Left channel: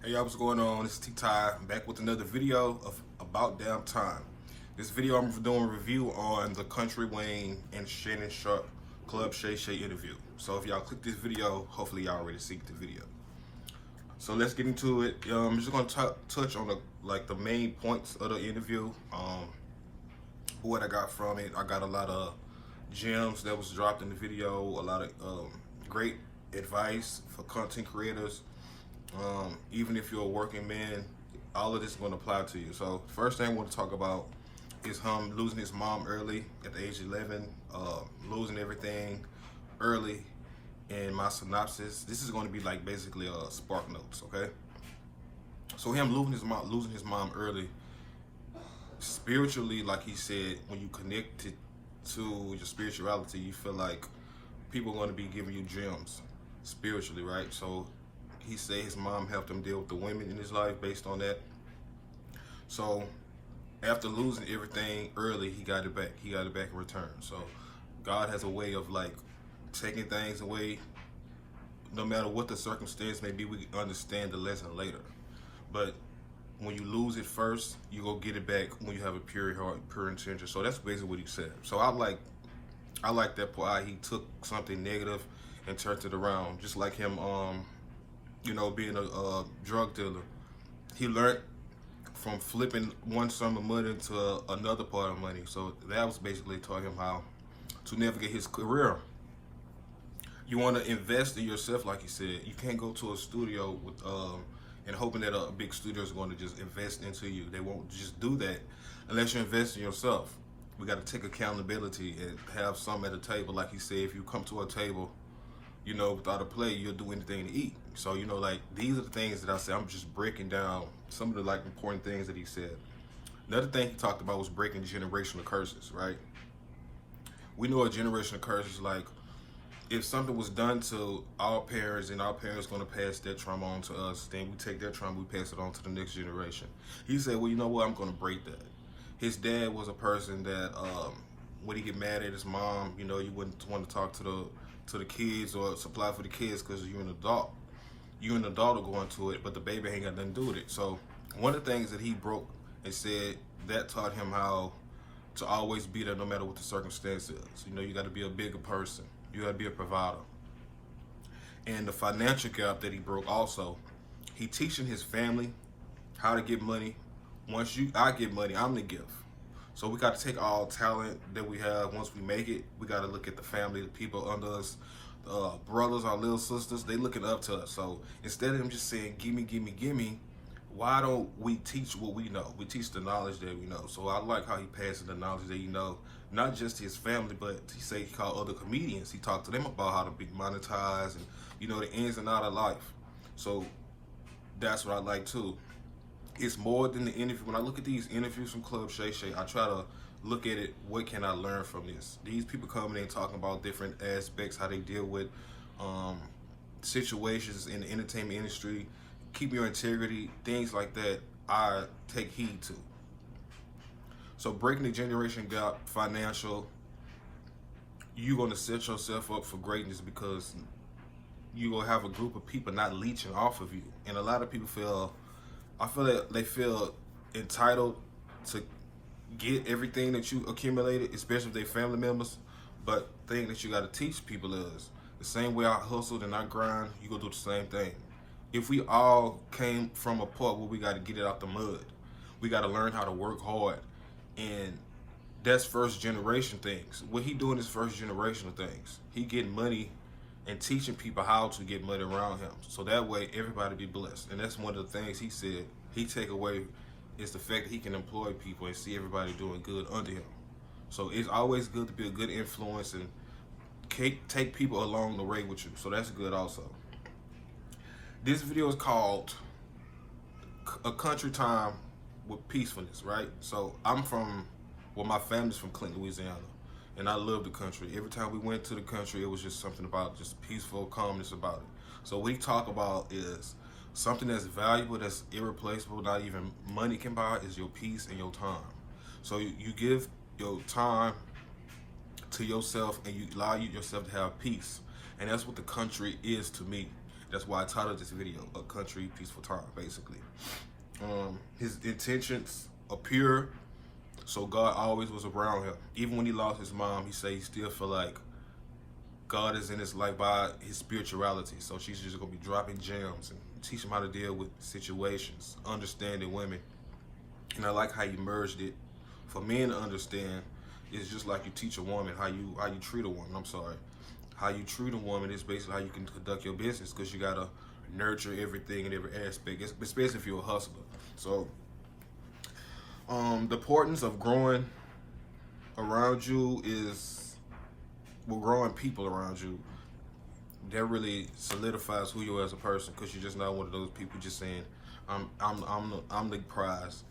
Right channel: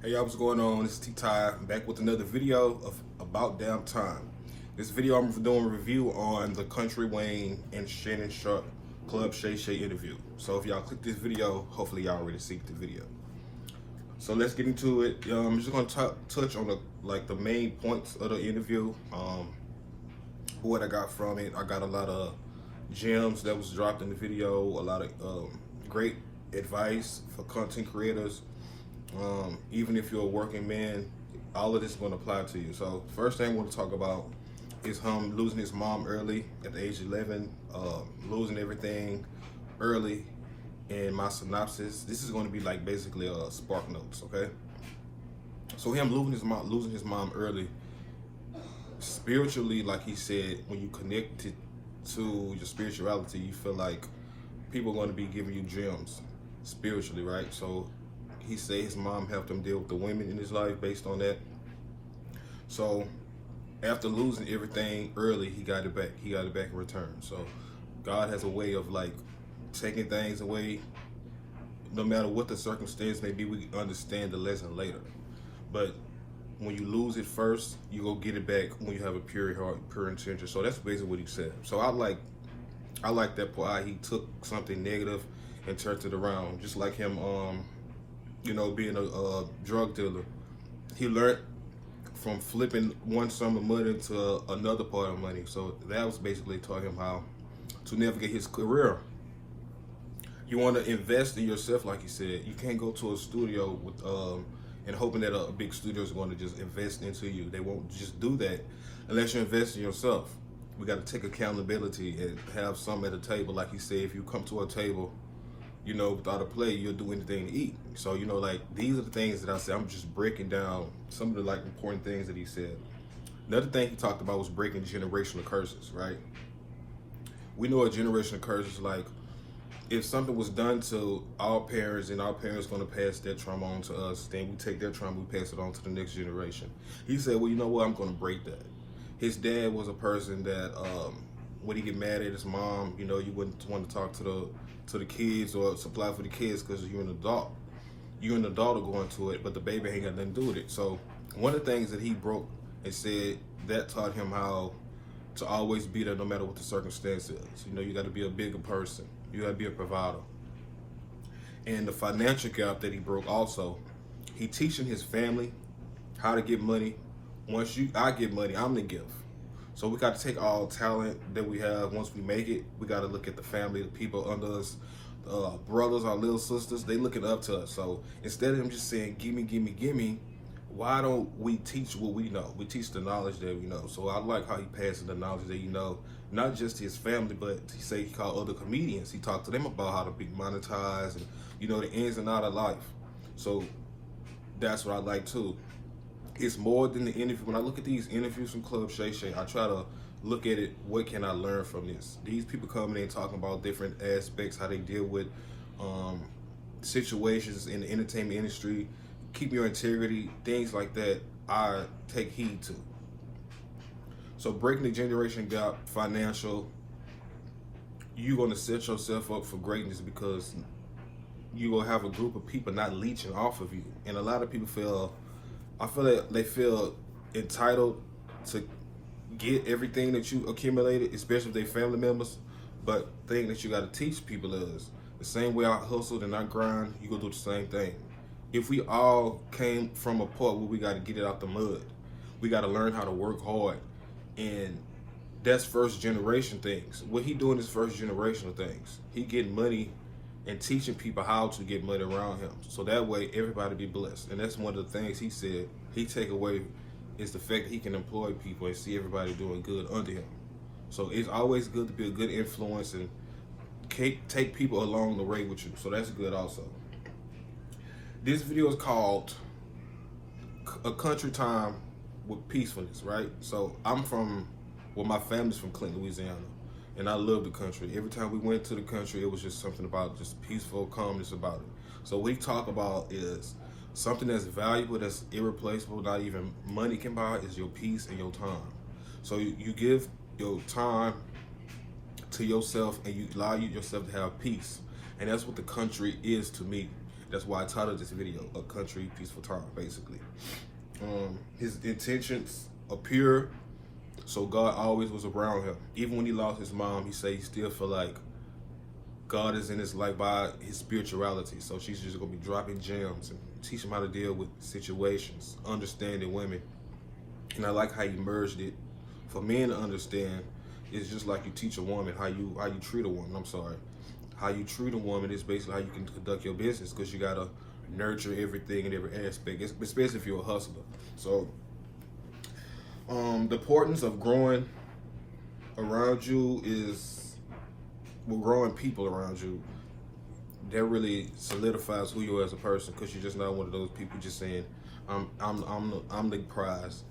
Hey y'all, what's going on? It's T-Ty back with another video of About Damn Time. This video I'm doing a review on the Kountry Wayne and Shannon Sharpe Club Shay Shay interview. So if y'all click this video, hopefully y'all already see the video. So let's get into it. I'm just gonna touch on the main points of the interview. What I got from it. I got a lot of gems that was dropped in the video. A lot of great advice for content creators. Even if you're a working man, all of this is going to apply to you. So first thing I want to talk about is him losing his mom early at the age of 11, losing everything early. In my synopsis, this is going to be like basically a spark notes, okay? So him losing his mom early, spiritually, like he said, when you connect it to your spirituality, you feel like people are going to be giving you gems spiritually, right? So he said his mom helped him deal with the women in his life based on that. So after losing everything early, he got it back. He got it back in return. So God has a way of like taking things away. No matter what the circumstance may be, we understand the lesson later. But when you lose it first, you go get it back when you have a pure heart, pure intention. So that's basically what he said. So I like that part. He took something negative and turned it around, just like him. Being a drug dealer, he learned from flipping one sum of money to another part of money. So that was basically taught him how to navigate his career. You want to invest in yourself, like he said. You can't go to a studio with and hoping that a big studio is going to just invest into you. They won't just do that unless you invest in yourself. We got to take accountability and have some at a table. Like he said, if you come to a table, without a plate, you'll do anything to eat. So, these are the things that I say. I'm just breaking down some of the important things that he said. Another thing he talked about was breaking generational curses, right? We know a generational curse is like if something was done to our parents and our parents going to pass that trauma on to us, then we take that trauma, we pass it on to the next generation. He said, well, you know what? I'm going to break that. His dad was a person that when he get mad at his mom, you wouldn't want to talk to the kids or supply for the kids because you're an adult. You and the adult are going to it, but the baby ain't got nothing to do with it. So one of the things that he broke and said that taught him how to always be there no matter what the circumstance is. You got to be a bigger person. You got to be a provider. And the financial gap that he broke also, he teaching his family how to get money. Once I get money, I'm the gift. So we got to take all talent that we have. Once we make it, we got to look at the family, the people under us, brothers, our little sisters. They looking up to us. So instead of them just saying, gimme, gimme, gimme, why don't we teach what we know? We teach the knowledge that we know. So I like how he passes the knowledge that he know, not just his family, but he called other comedians. He talked to them about how to be monetized and, the ins and outs of life. So that's what I like too. It's more than the interview. When I look at these interviews from Club Shay Shay, I try to look at it, what can I learn from this? These people coming in talking about different aspects, how they deal with situations in the entertainment industry, keep your integrity, things like that, I take heed to. So breaking the generation gap, financial, you're going to set yourself up for greatness because you're going to have a group of people not leeching off of you. And a lot of people I feel that they feel entitled to get everything that you accumulated, especially if they're family members. But the thing that you got to teach people is the same way I hustled and I grind, you gonna do the same thing. If we all came from a part where we got to get it out the mud, we got to learn how to work hard. And that's first generation things. What he doing is first generational things. He getting money and teaching people how to get money around him. So that way everybody be blessed. And that's one of the things he said he take away is the fact that he can employ people and see everybody doing good under him. So it's always good to be a good influence and take people along the way with you. So that's good also. This video is called A Country Time with Peacefulness, right? So my family's from Clinton, Louisiana. And I love the country. Every time we went to the country, it was just something about just peaceful calmness about it. So what we talk about is something that's valuable, that's irreplaceable, not even money can buy, is your peace and your time. So you give your time to yourself and you allow yourself to have peace. And that's what the country is to me. That's why I titled this video "A Country Peaceful Time." Basically, his intentions are pure, so God always was around him. Even when he lost his mom, he said he still feel like God is in his life by his spirituality. So she's just gonna be dropping gems and teach him how to deal with situations, understanding women. And I like how you merged it for men to understand. It's just like you teach a woman how you treat a woman. I'm sorry, how you treat a woman is basically how you can conduct your business, because you gotta nurture everything in every aspect, especially if you're a hustler. So the importance of growing around you is, well, growing people around you, that really solidifies who you are as a person, because you're just not one of those people just saying I'm the prize.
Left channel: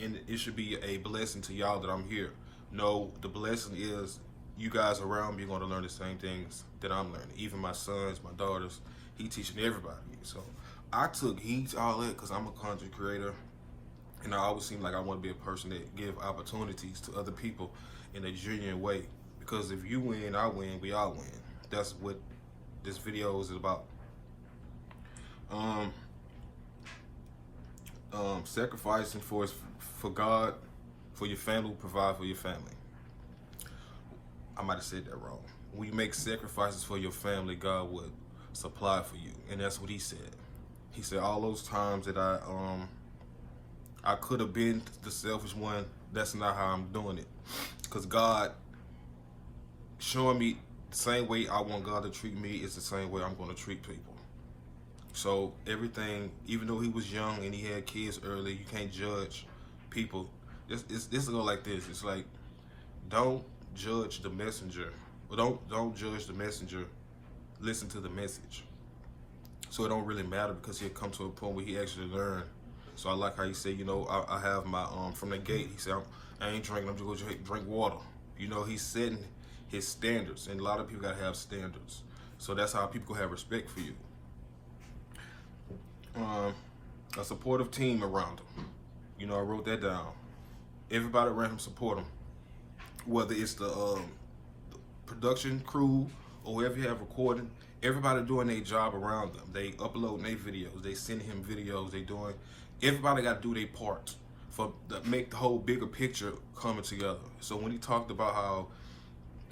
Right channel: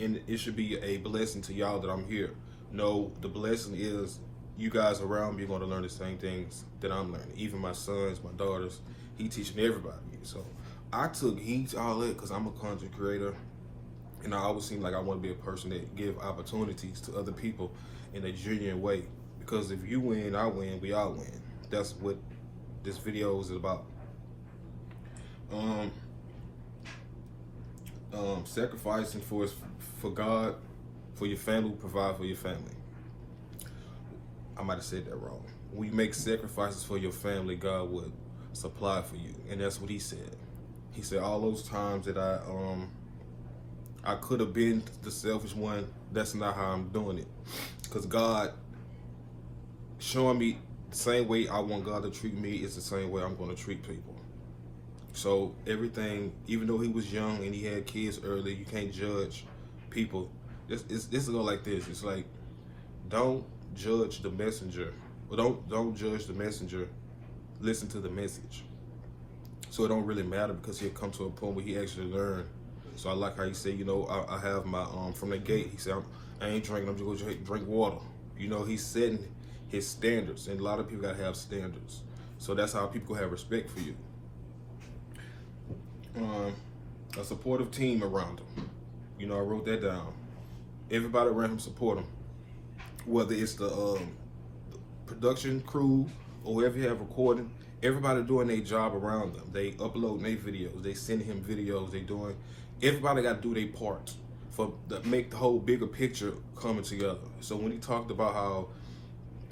And it should be a blessing to y'all that I'm here. No, the blessing is you guys around me are going to learn the same things that I'm learning. Even my sons, my daughters, he teaching everybody. So I took heed to all that because I'm a content creator, and I always seem like I want to be a person that give opportunities to other people in a genuine way. Because if you win, I win, we all win. That's what this video is about. Sacrificing for God, for your family, provide for your family. I might have said that wrong. When you make sacrifices for your family, God would supply for you, and that's what he said. He said all those times that I could have been the selfish one, that's not how I'm doing it. Because God showing me the same way I want God to treat me is the same way I'm going to treat people. So everything, even though he was young and he had kids early, you can't judge people. This is go like this. It's like, don't judge the messenger. Well, don't judge the messenger. Listen to the message. So it don't really matter, because he'll come to a point where he actually learn. So I like how he said, you know, I have my from the gate. He said, I ain't drinking. I'm just gonna drink water. You know, he's setting his standards, and a lot of people gotta have standards. So that's how people have respect for you. A supportive team around him. You know, I wrote that down. Everybody around him support him. Whether it's the production crew or whoever you have recording, everybody doing their job around them. They uploading their videos. They sending him videos. They doing. Everybody got to do their part for make the whole bigger picture coming together. So when he talked about how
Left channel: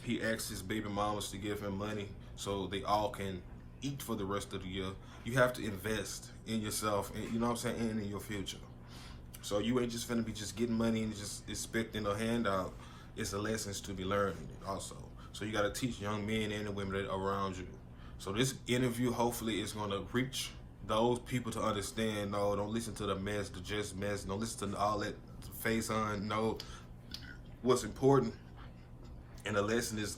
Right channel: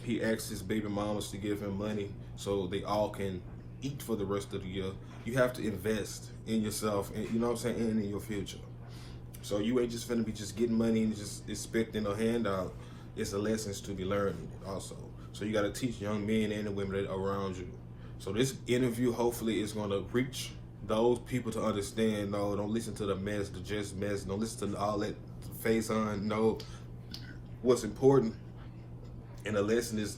he asked his baby mamas to give him money so they all can eat for the rest of the year, you have to invest in yourself, and you know what I'm saying, and in your future. So you ain't just finna be just getting money and just expecting a handout. It's a lessons to be learned also. So you gotta teach young men and the women that are around you. So this interview hopefully is gonna reach those people to understand, no, don't listen to the mess, the just mess, don't listen to all that face on, no. What's important, and the lesson is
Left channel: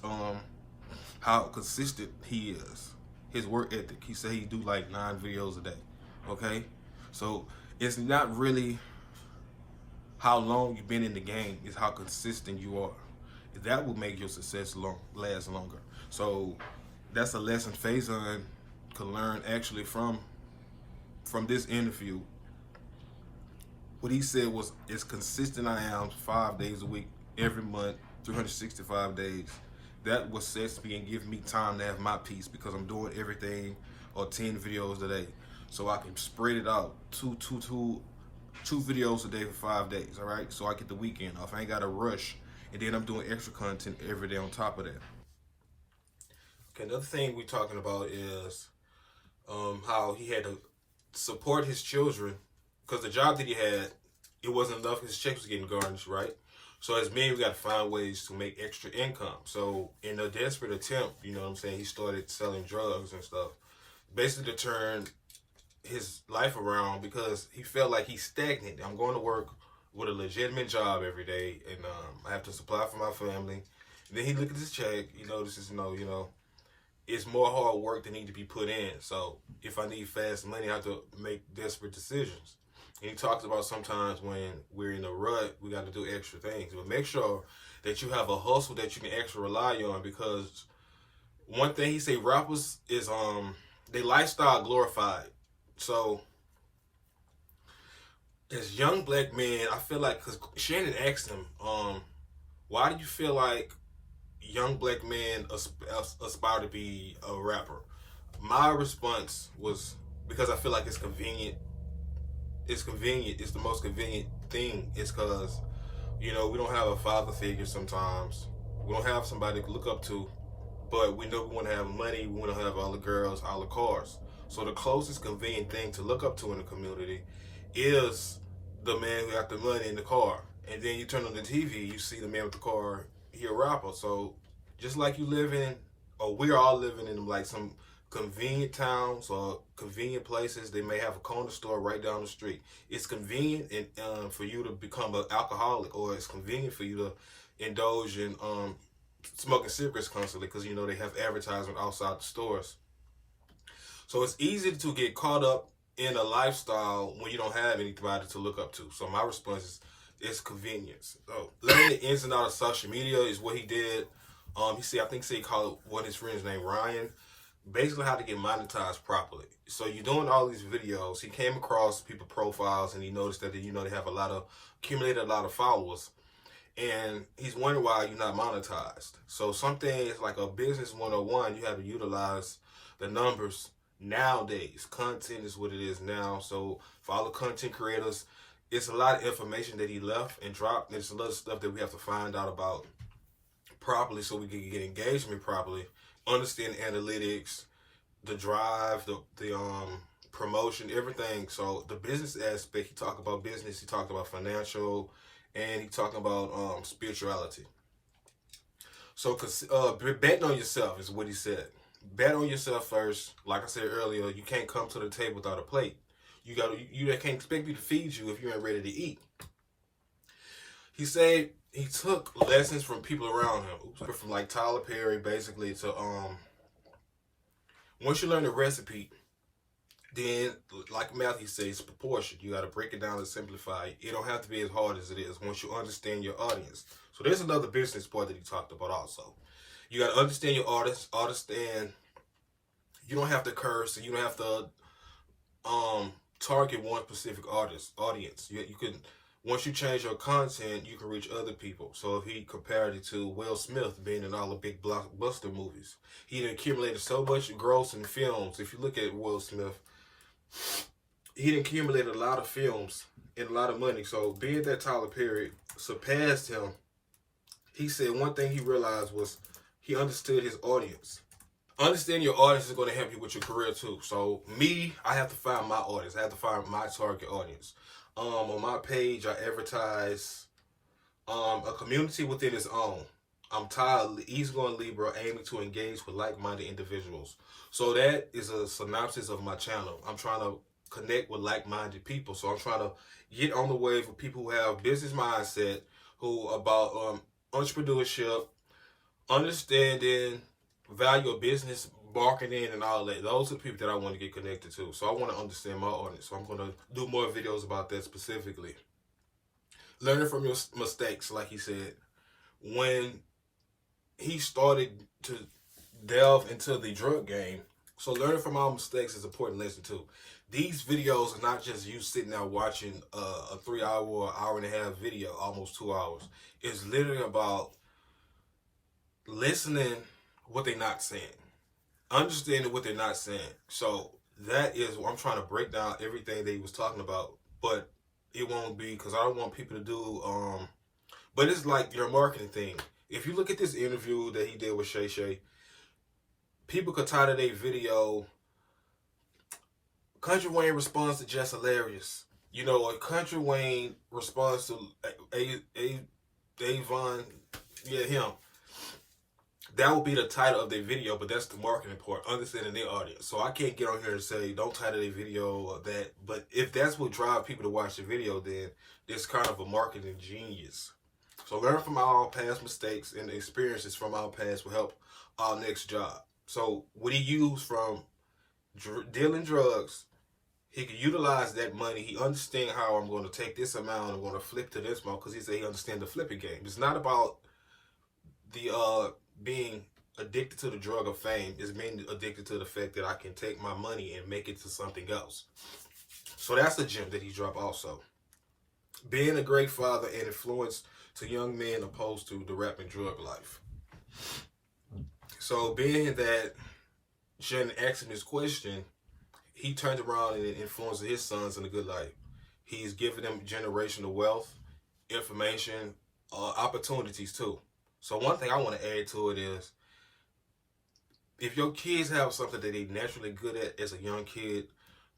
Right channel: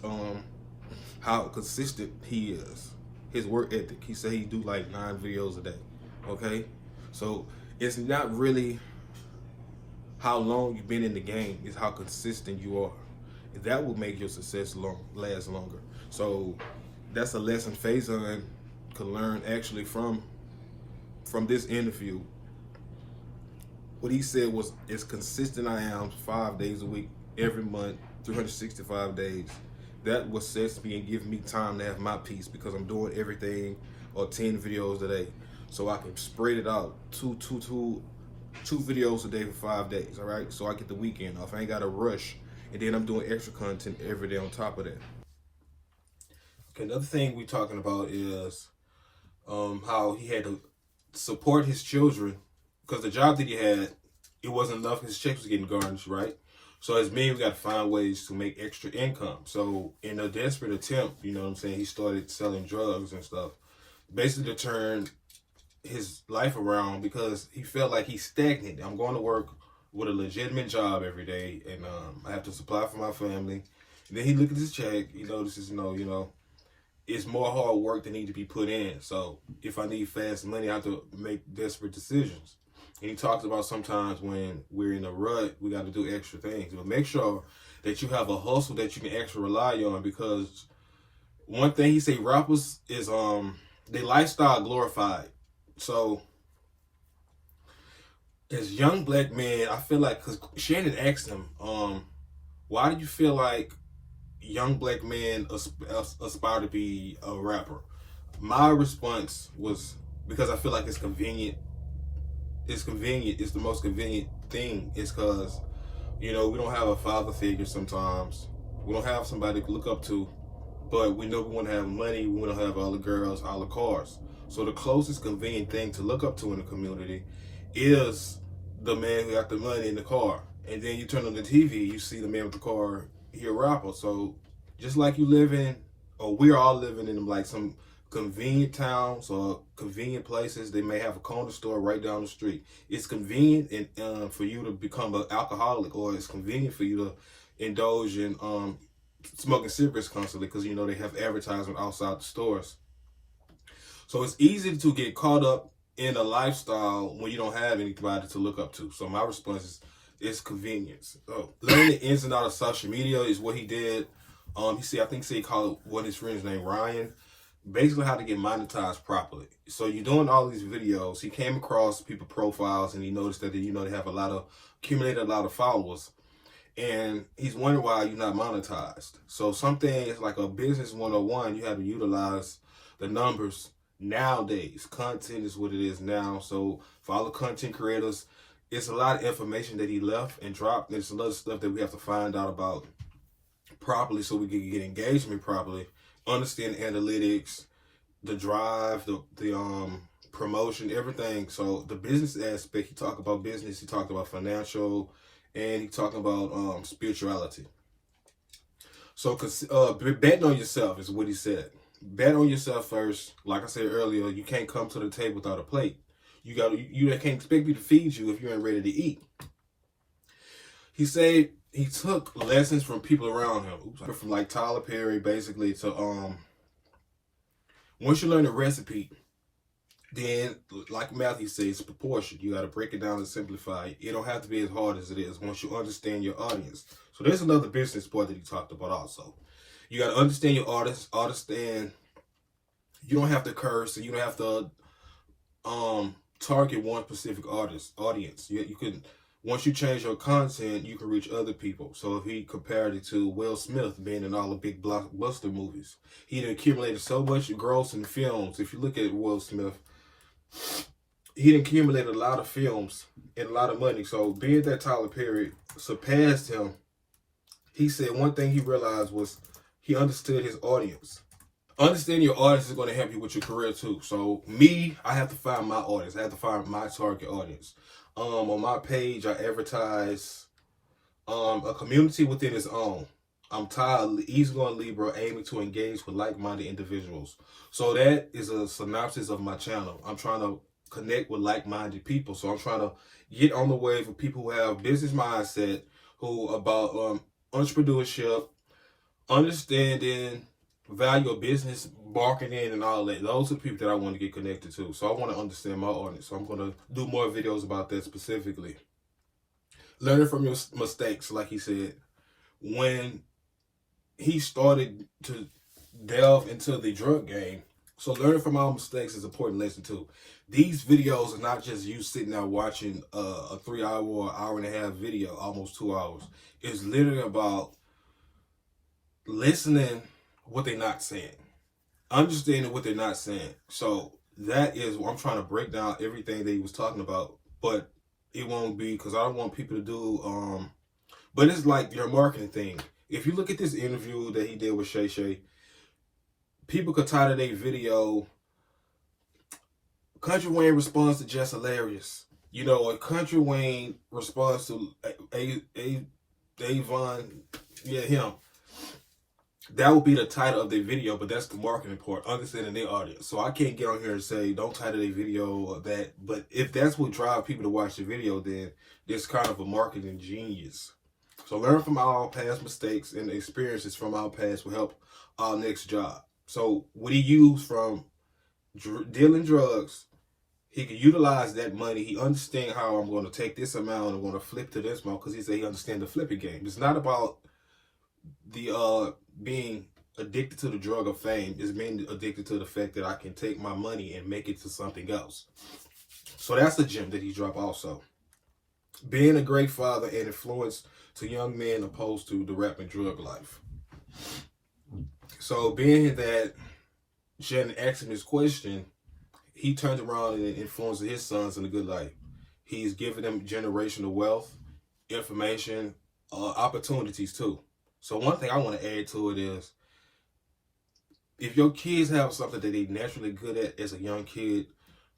how consistent he is. His work ethic. He said he do like 9 videos a day. Okay? So it's not really how long you've been in the game, it's how consistent you are. That will make your success last longer. So that's a lesson Faison could learn actually from this interview. What he said was, as consistent I am 5 days a week, every month, 365 days. That was sets me and give me time to have my peace, because I'm doing everything, or 10 videos a day. So I can spread it out, two videos a day for 5 days, all right? So I get the weekend off. I ain't got to rush. And then I'm doing extra content every day on top of that. Okay, another thing we're talking about is how he had to support his children, because the job that he had, it wasn't enough. His checks was getting garnished, right? So as men, we got to find ways to make extra income. So in a desperate attempt, you know what I'm saying, he started selling drugs and stuff, basically to turn his life around, because he felt like he's stagnant. I'm going to work with a legitimate job every day, and I have to supply for my family. And then he looked at his check. He notices, you know, it's more hard work that need to be put in. So if I need fast money, I have to make desperate decisions. And he talks about sometimes when we're in a rut, we got to do extra things. But make sure that you have a hustle that you can actually rely on, because one thing he say, rappers is their lifestyle glorified. So as young black men, I feel like, because Shannon asked him, why do you feel like young black men aspire to be a rapper? My response was, because I feel like it's convenient. It's convenient. It's the most convenient thing. It's because, you know, we don't have a father figure sometimes. We don't have somebody to look up to. But we know we want to have money. We want to have all the girls, all the cars. So the closest convenient thing to look up to in the community is the man who got the money in the car. And then you turn on the TV, you see the man with the car, he a rapper. So just like you live in, or we're all living in like some convenient towns or convenient places, they may have a corner store right down the street. It's convenient and for you to become an alcoholic, or it's convenient for you to indulge in smoking cigarettes constantly, because you know they have advertisement outside the stores. So it's easy to get caught up in a lifestyle when you don't have anybody to look up to. So my response is convenience. So learning the ins and outs of social media is what he did. I think he called one of his friends named Ryan, basically how to get monetized properly. So you're doing all these videos. He came across people profiles and he noticed that they have accumulated a lot of followers. And he's wondering why you're not monetized. So some things like a business 101, you have to utilize the numbers nowadays. Content is what it is now. So for all the content creators, it's a lot of information that he left and dropped. There's a lot of stuff that we have to find out about properly so we can get engagement properly, understand analytics, the drive, the promotion, everything. So the business aspect, he talked about business, he talked about financial, and he talking about spirituality. So betting on yourself is what he said. Bet on yourself first. Like I said earlier, you can't come to the table without a plate. You can't expect me to feed you if you ain't ready to eat. He said he took lessons from people around him, from like Tyler Perry, basically, to once you learn a recipe, then, like Matthew says, it's proportion. You got to break it down and simplify it. It don't have to be as hard as it is once you understand your audience. So there's another business part that he talked about also. You got to understand your audience. Understand you don't have to curse, and you don't have to target one specific audience. You can, once you change your content, you can reach other people. So if he compared it to Will Smith being in all the big blockbuster movies, he accumulated so much gross in films. If you look at Will Smith, he accumulated a lot of films and a lot of money. So being that Tyler Perry surpassed him, he said one thing he realized was he understood his audience. Understanding your audience is going to help you with your career too. So me, I have to find my audience. I have to find my target audience. On my page, I advertise a community within its own. I'm tired, easygoing Libra, aiming to engage with like-minded individuals. So that is a synopsis of my channel. I'm trying to connect with like-minded people. So I'm trying to get on the wave of people who have business mindset, who about entrepreneurship, understanding, value of business, marketing, and all that. Those are people that I want to get connected to. So I want to understand my audience. So I'm going to do more videos about that specifically. Learning from your mistakes, like he said. When he started to delve into the drug game, so learning from our mistakes is an important lesson too. These videos are not just you sitting there watching a 3 hour or hour and a half video, almost 2 hours. It's literally about listening what they're not saying, understanding what they're not saying. So that is what I'm trying to break down everything that he was talking about, but it won't be, because I don't want people to do but it's like your marketing thing. If you look at this interview that he did with Shay, people could title their video Country Wayne responds to Just Hilarious. You know, a Country Wayne responds to Avon, him. That would be the title of their video, but that's the marketing part, understanding their audience. So I can't get on here and say, don't title their video or that. But if that's what drives people to watch the video, then it's kind of a marketing genius. So learn from our past mistakes, and the experiences from our past will help our next job. So what he used from dealing drugs, he can utilize that money. He understands how I'm going to take this amount, I'm going to flip to this amount, because he said he understands the flipping game. It's not about the being addicted to the drug of fame. It's being addicted to the fact that I can take my money and make it to something else. So that's the gem that he dropped also. Being a great father and influence to young men opposed to the rap and drug life. So being that Shannon asked him this question, he turned around and influenced his sons in a good life. He's giving them generational wealth, information, opportunities too. So one thing I want to add to it is, if your kids have something that they're naturally good at as a young kid,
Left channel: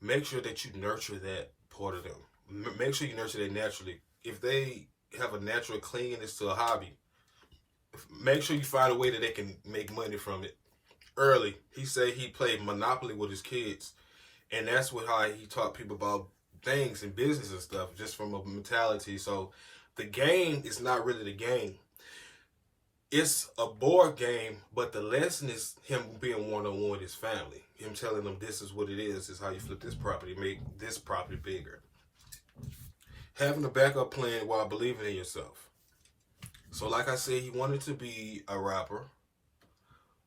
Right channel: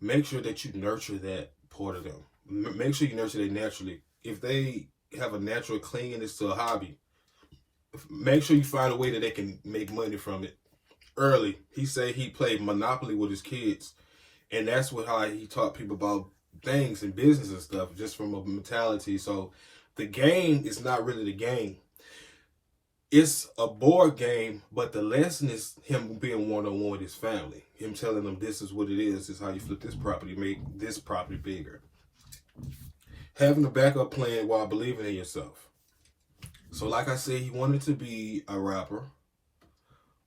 make sure that you nurture that part of them. Make sure you nurture that naturally. If they have a natural cleanliness to a hobby, make sure you find a way that they can make money from it early. He said he played Monopoly with his kids, and that's how he taught people about things and business and stuff, just from a mentality. So the game is not really the game. It's a board game, but the lesson is him being one-on-one with his family. Him telling them this is what it is. This is how you flip this property, make this property bigger. Having a backup plan while believing in yourself. So like I said, he wanted to be a rapper,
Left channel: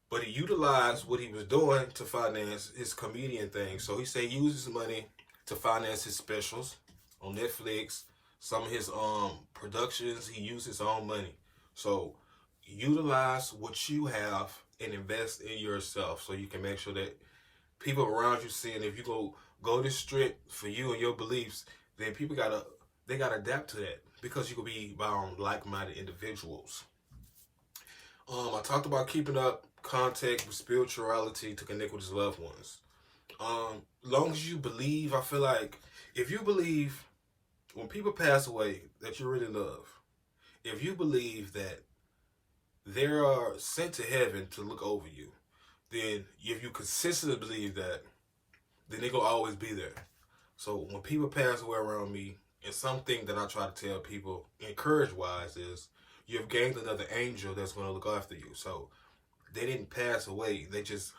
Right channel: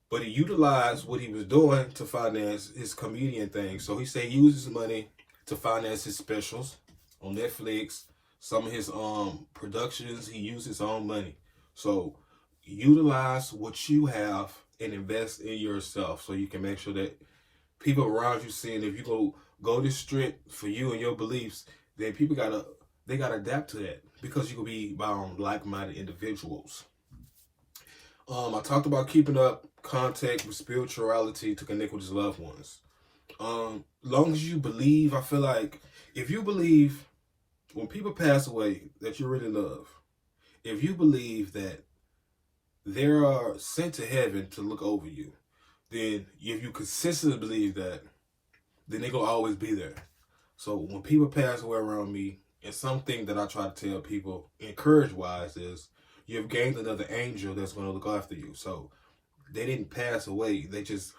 but he utilized what he was doing to finance his comedian thing. So he said he uses money to finance his specials on Netflix. Some of his productions, he used his own money. So utilize what you have and invest in yourself, so you can make sure that people around you seeing, if you go this strict for you and your beliefs, then people gotta adapt to that, because you could be around like-minded individuals. I talked about keeping up contact with spirituality to connect with his loved ones. Long as you believe, I feel like if you believe when people pass away that you really love, if you believe that they are sent to heaven to look over you, then if you consistently believe that, then they're going to always be there. So when people pass away around me, and something that I try to tell people, encourage-wise, is you've gained another angel that's going to look after you. So they didn't pass away. They just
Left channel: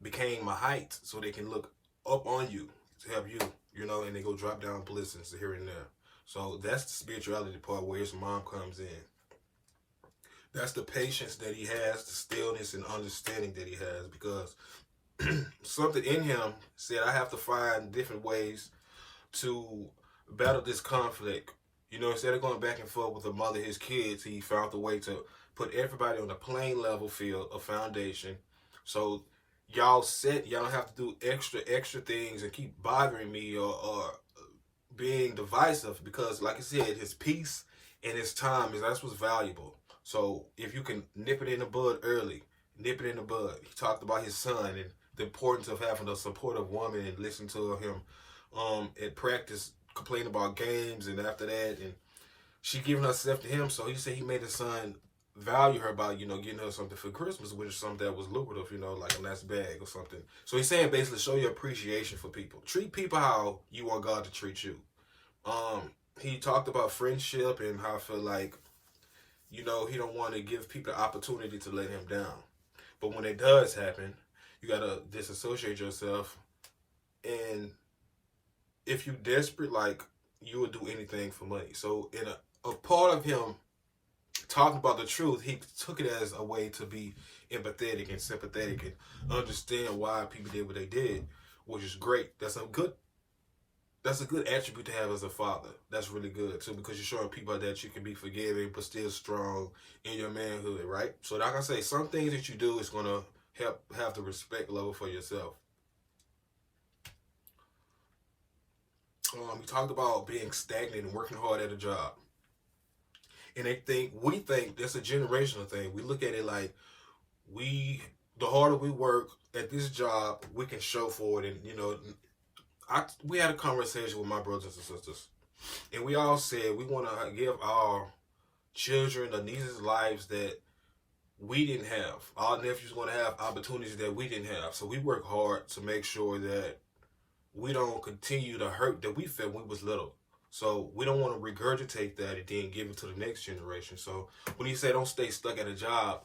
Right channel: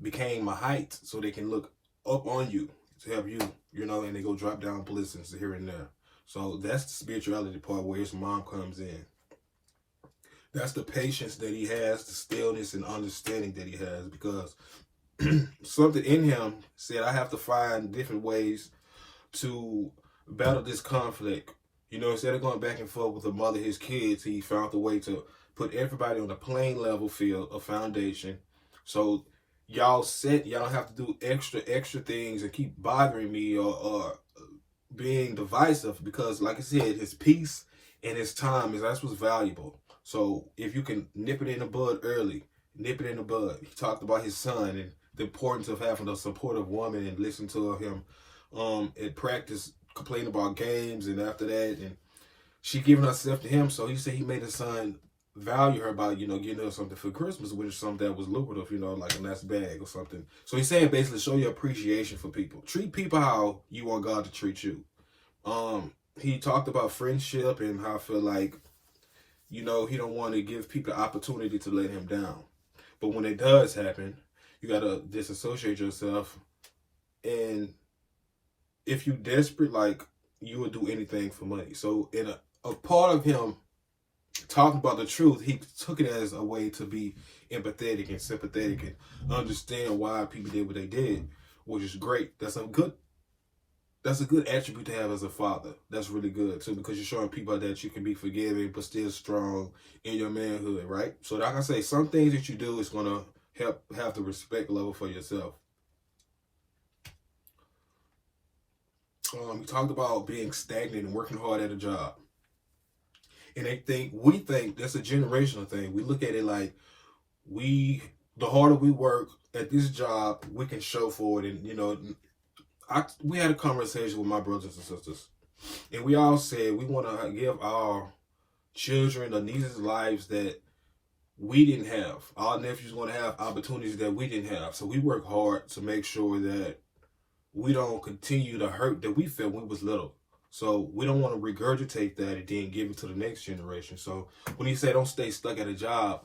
became a height so they can look up on you to help you, and they go drop down blessings here and there. So that's the spirituality part where his mom comes in. That's the patience that he has, the stillness and understanding that he has, because something in him said, I have to find different ways to battle this conflict. Instead of going back and forth with the mother, his kids, he found a way to put everybody on a plain level field, a foundation. So y'all don't have to do extra things and keep bothering me or being divisive, because like I said, his peace and his time, that's what's valuable. So if you can nip it in the bud early, nip it in the bud. He talked about his son and the importance of having a supportive woman and listen to him at practice complain about games, and after that, and she giving herself to him. So he said he made his son value her by, getting her something for Christmas, which is something that was lucrative, like a nice bag or something. So he's saying basically show your appreciation for people. Treat people how you want God to treat you. He talked about friendship and how I feel like, he don't want to give people the opportunity to let him down. But when it does happen, you got to disassociate yourself. And if you desperate, like, you would do anything for money. So in a part of him talking about the truth, he took it as a way to be empathetic and sympathetic and understand why people did what they did, which is great. That's a good attribute to have as a father. That's really good too, because you're showing people that you can be forgiving but still strong in your manhood, right? So like I say, some things that you do is going to help have the respect level for yourself. We talked about being stagnant and working hard at a job. And we think that's a generational thing. We look at it like the harder we work at this job, we can show for it. And, we had a conversation with my brothers and sisters, and we all said we want to give our children or nieces lives that we didn't have. Our nephews want to have opportunities that we didn't have. So we work hard to make sure that we don't continue the hurt that we felt when we was little. So we don't want to regurgitate that and then give it to the next generation. So when he said don't stay stuck at a job,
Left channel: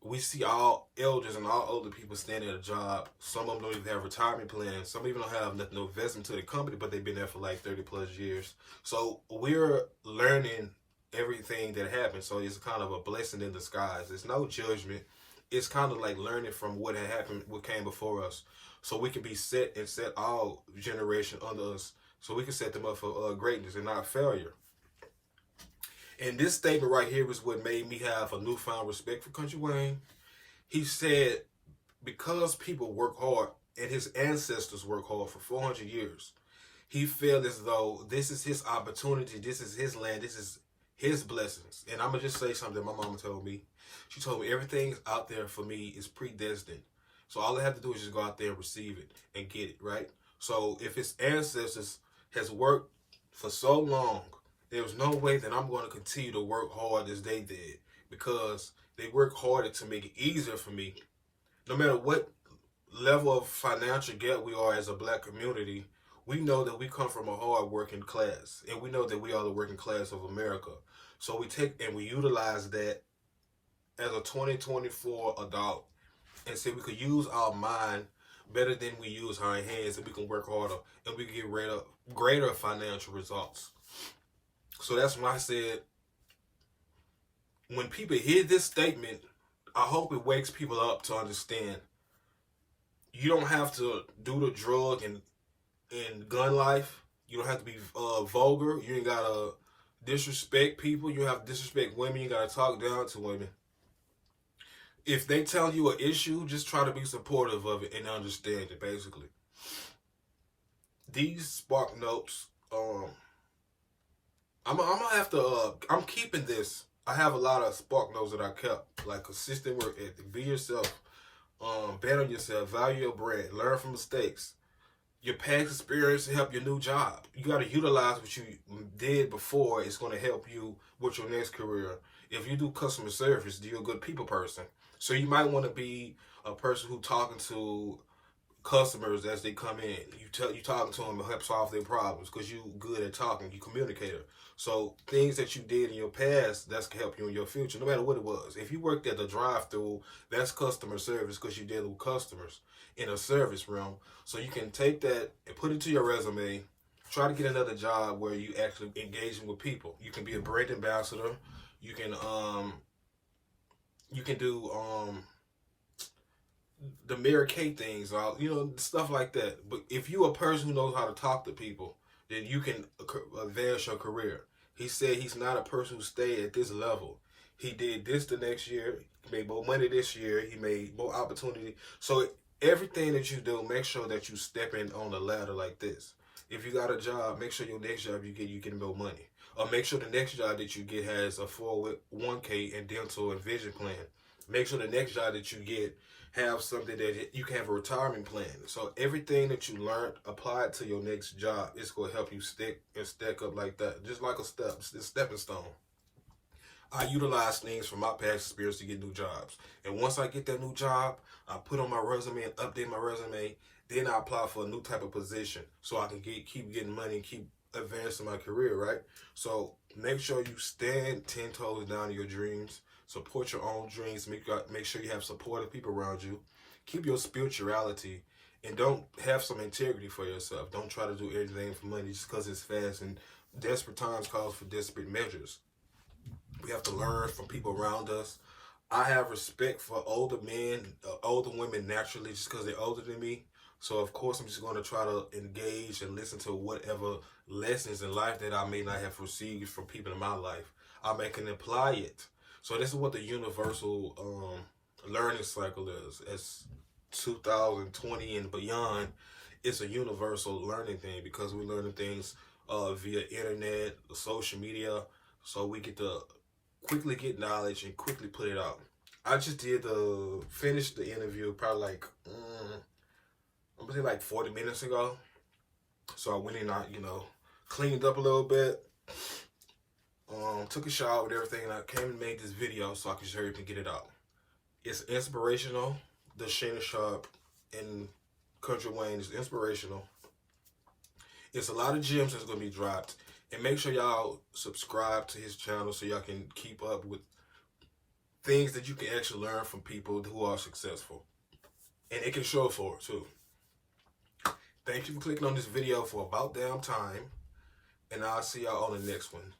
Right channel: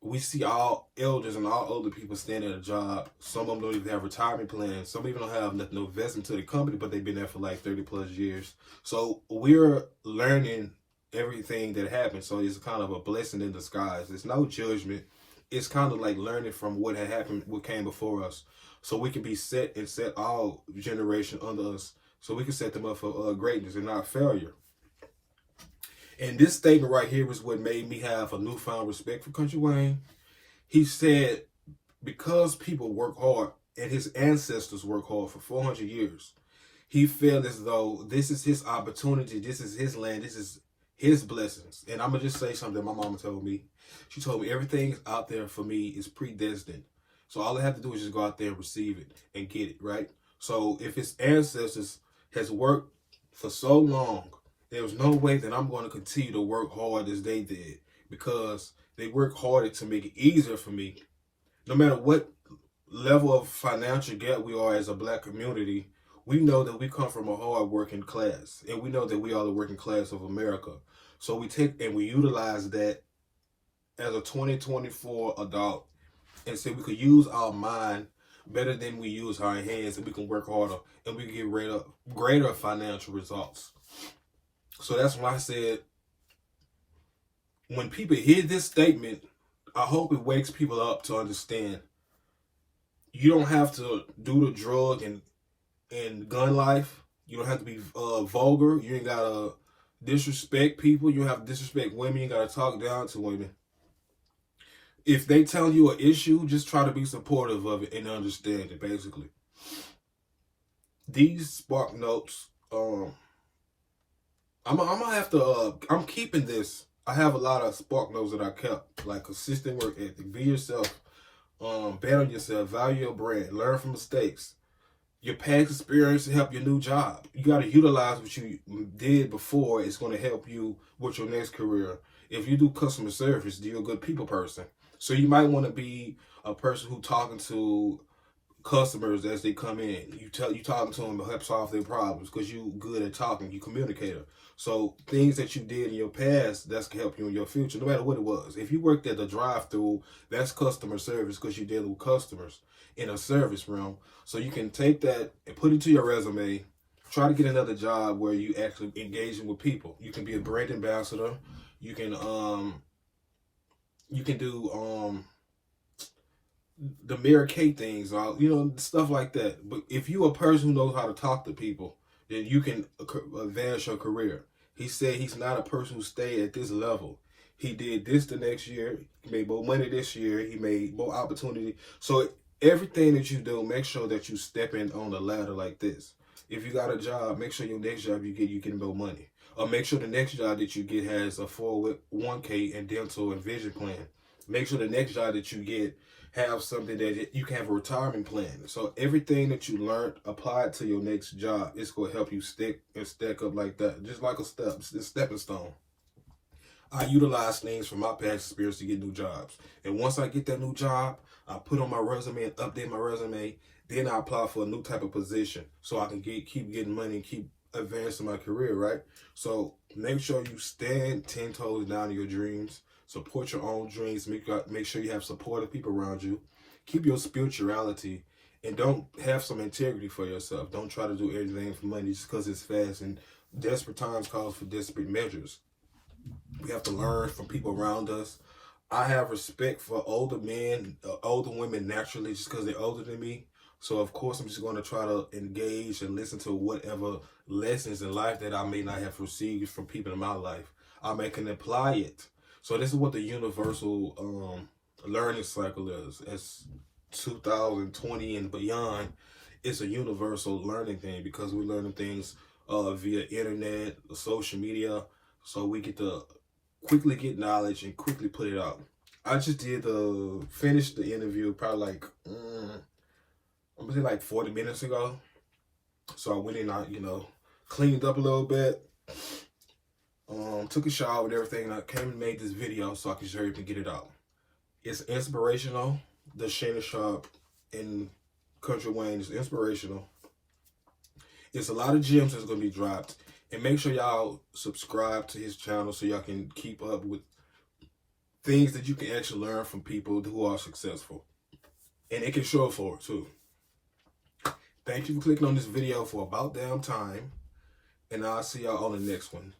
we see all elders and all older people staying at a job. Some of them don't even have retirement plans. Some even don't have no investment to the company, but they've been there for like 30 plus years. So we're learning everything that happened. So it's kind of a blessing in disguise. It's no judgment. It's kind of like learning from what had happened, what came before us. So we can be set all generation under us. So we can set them up for greatness and not failure. And this statement right here is what made me have a newfound respect for Country Wayne. He said, because people work hard and his ancestors work hard for 400 years, he felt as though this is his opportunity, this is his land, this is his blessings. And I'm going to just say something my mama told me. She told me everything out there for me is predestined. So all I have to do is just go out there and receive it and get it, right? So if his ancestors has worked for so long, there's no way that I'm going to continue to work hard as they did, because they work harder to make it easier for me. No matter what level of financial gap we are as a black community, we know that we come from a hard working class, and we know that we are the working class of America. So we take and we utilize that as a 2024 adult, and say we could use our mind better than we use our hands, and we can work harder and we can get greater financial results. So that's why I said, when people hear this statement, I hope it wakes people up to understand you don't have to do the drug and gun life. You don't have to be vulgar. You ain't got to disrespect people. You don't have to disrespect women. You got to talk down to women. If they tell you an issue, just try to be supportive of it and understand it, basically. These Spark Notes, I'm gonna have to, I'm keeping this. I have a lot of Spark Notes that I kept, like consistent work ethic, be yourself, bet on yourself, value your brand, learn from mistakes, your past experience to help your new job. You got to utilize what you did before. It's going to help you with your next career. If you do customer service, you're a good people person. So you might want to be a person who talking to customers as they come in. You talking to them to help solve their problems because you good at talking. You communicator. So things that you did in your past, that's can help you in your future, no matter what it was. If you worked at the drive-through, that's customer service because you're dealing with customers in a service realm. So you can take that and put it to your resume. Try to get another job where you actually engaging with people. You can be a brand ambassador. You can do the Mary Kay things, stuff like that. But if you're a person who knows how to talk to people, then you can advance your career. He said he's not a person who stay at this level. He did this the next year. He made more money this year. He made more opportunity. So everything that you do, make sure that you step in on the ladder like this. If you got a job, make sure your next job you get more money. Or make sure the next job that you get has a 401k and dental and vision plan. Make sure the next job that you get have something that you can have a retirement plan. So everything that you learned, apply it to your next job. It's going to help you stick and stack up like that. Just like a stepping stone. I utilize things from my past experience to get new jobs. And once I get that new job, I put on my resume and update my resume. Then I apply for a new type of position so I can keep getting money and keep advancing my career, right? So make sure you stand 10 toes down to your dreams. Support your own dreams. Make sure you have supportive people around you. Keep your spirituality, and don't have some integrity for yourself. Don't try to do everything for money just because it's fast. And desperate times calls for desperate measures. We have to learn from people around us. I have respect for older men, older women naturally just because they're older than me. So, of course, I'm just going to try to engage and listen to whatever lessons in life that I may not have received from people in my life. I can apply it. So this is what the universal learning cycle is. As 2020 and beyond, it's a universal learning thing because we're learning things via internet, social media. So we get to quickly get knowledge and quickly put it out. I just did finish the interview probably like, I'm gonna say like 40 minutes ago. So I went in, I cleaned up a little bit. Took a shower and everything, and I came and made this video so I can sure you can get it out. It's inspirational. The Shannon, Sharpe and Kountry Wayne is inspirational. It's a lot of gems that's going to be dropped. And make sure y'all subscribe to his channel so y'all can keep up with things that you can actually learn from people who are successful. And it can show for it too. Thank you for clicking on this video for about damn time. And I'll see y'all on the next one.